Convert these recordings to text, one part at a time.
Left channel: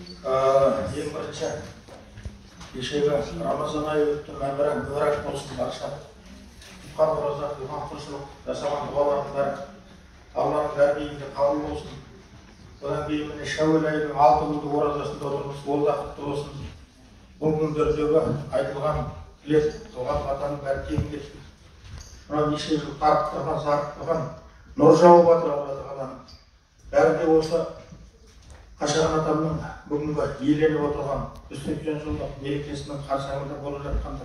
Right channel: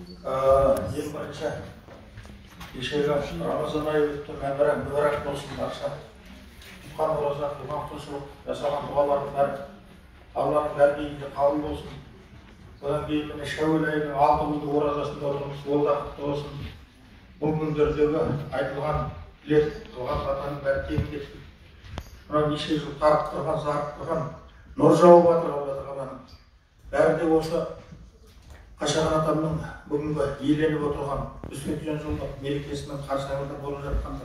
Ең бірінші кешегі Рамазан айы өтті, мәңгілік мүбәрәк болсын барша. Тұтқан ораза, туған құлшылық жасаған дұғалардың бәрі Алланың дәрбейінде қабыл болсын. Одан кейін міне Шәуел айының 6 күндік оразасында отырмыз, ол да құтты болсын. Бұл күндердегі айтылған тілек, туған атаның бәрі кем кетті. Мына неше жыл қарып тұрған, зарып тұрған, нұр жауып жатыр Алла Тағаланың. Бәрі де осы Қашаған атамның бүгінгі еленіп отырған 180 жылдық мерекесінің қарсаңында болып жатқанда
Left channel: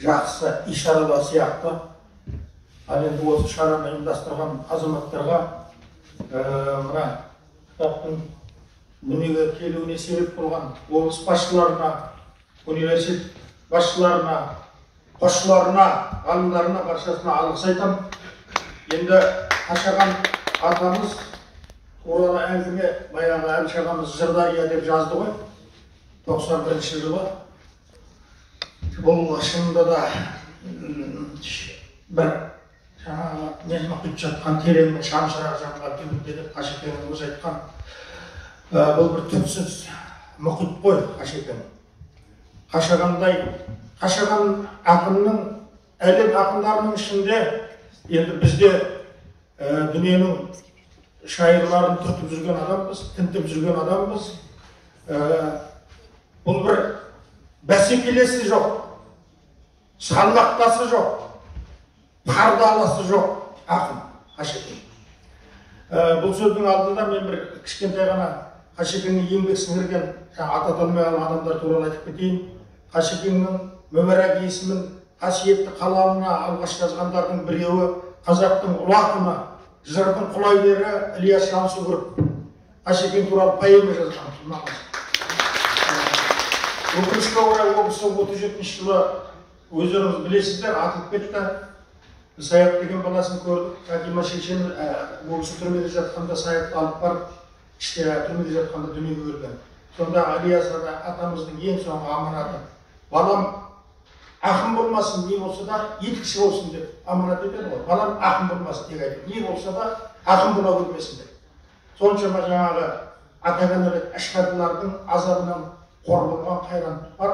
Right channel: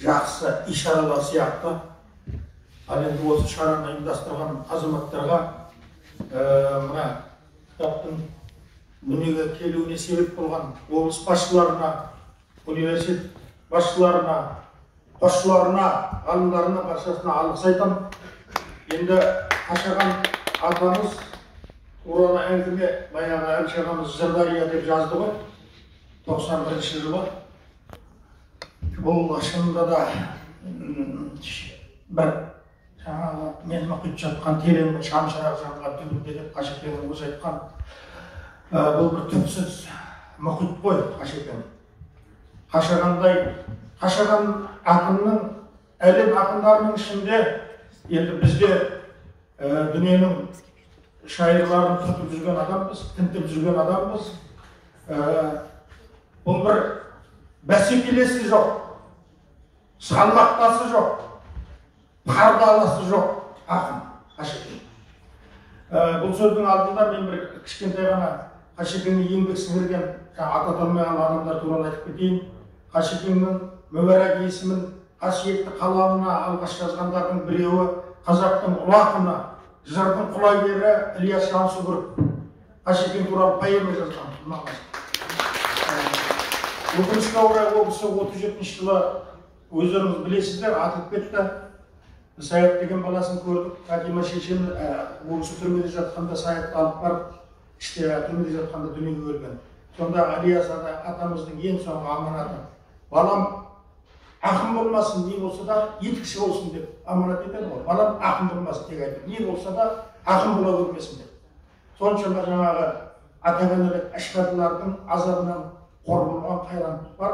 жақсы ишаралар сияқты. Ал енді осы шараны ұйымдастырған азаматтарға мына кітаптың дүниеге келуіне себеп болған облыс басшыларына, университет басшыларына, қосшыларына, ғалымдарына баршасына алғыс айтамын. Енді Қашаған атамыз туралы әңгіме баяғы Әбіш ағамыз Жырдария деп жазды ғой, 91 жылы. Бұл шынында да бір жаңағы нені құйып жатқан тереңнің шамшырақ жанған түбінде деп Қашекеңнің өзі айтқан. Бұл бір түпсіз мұхит қой Қашекең. Қашаған ақынның, әлем ақындарының ішінде енді бізде дүниенің шайырларын түртіп жүрген адамбыз, тінтіп жүрген адамбыз. Бұл бір бәсекелесі жоқ, салмақтасы жоқ, пардаласы жоқ ақын Қашекең. Бұл сөздің алдында мен бір кішкентай ғана Қашекеңнің еңбек сіңірген аты аталмаған адамдар туралы айтып кетейін. Қашекеңнің мүбәрәк есімін қасиетті қаламына алғаш жазғандардың біреуі қазақтың ұлы ақыны, жырдың құлагері Ілияс Жансүгіров Қашекең туралы поэма жазған. Өкінішке орай ол кісі 37 жылы өздеріңіз білесіздер, атылып кетті. Саят деген баласын көрдік. Фатима шешем ол кісі түрмеде жатқанда Саятты алып барып, іште түрмеде жатқанда дүниеге келген. Сонда Ілияс атамыздың ең соңғы аманаты: балам ақын болмасын, не болса да етікші болсын деп аманат етеді ғой. Балам ақын болмасын тек айтып, не болса да ақын бола көрмесін деп. Соншама жаңағы ата-аналар әшқарилардың азабынан қор болған қайран бар.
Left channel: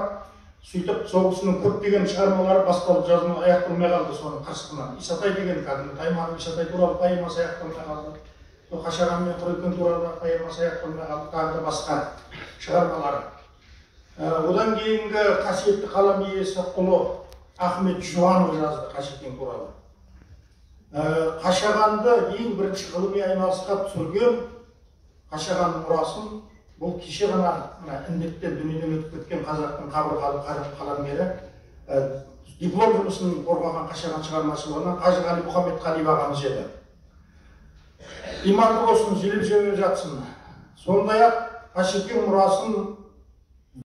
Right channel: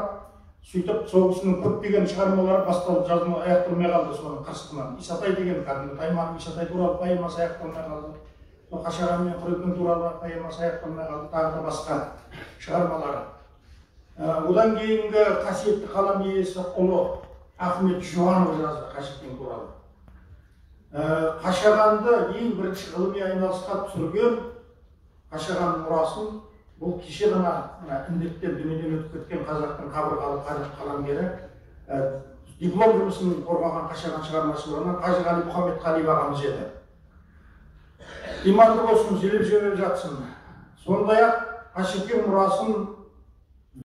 Сөйтіп сол кісінің көптеген шығармалары басталып жазылмай аяқталмай қалды соның қырсығынан. Исатай деген кәдімгі Тайманов Исатай туралы поэмасы аяқталмай қалды. Қашаған мен Құрекең туралы поэмасы аяқталмай қалды, тағы да басқа шығармалары. Одан кейінгі қасиетті қалам иесі ұлы Ахмет Жуанов жазды Қашекең туралы. Қашағанды ең бірінші ғылыми айналысқа түсірген Қашаған мұрасын бұл кеше ғана індеттен дүниеден өтіп кеткен қазақтың қабырғалы қаламгері диплом жұмысын қорғаған Қашаған шығармашылығынан Қажығали Мұхаммедқалиев ағамыз еді. Иманды болсын, желеп-желеп жатсын. Сондай-ақ Қашекең мұрасын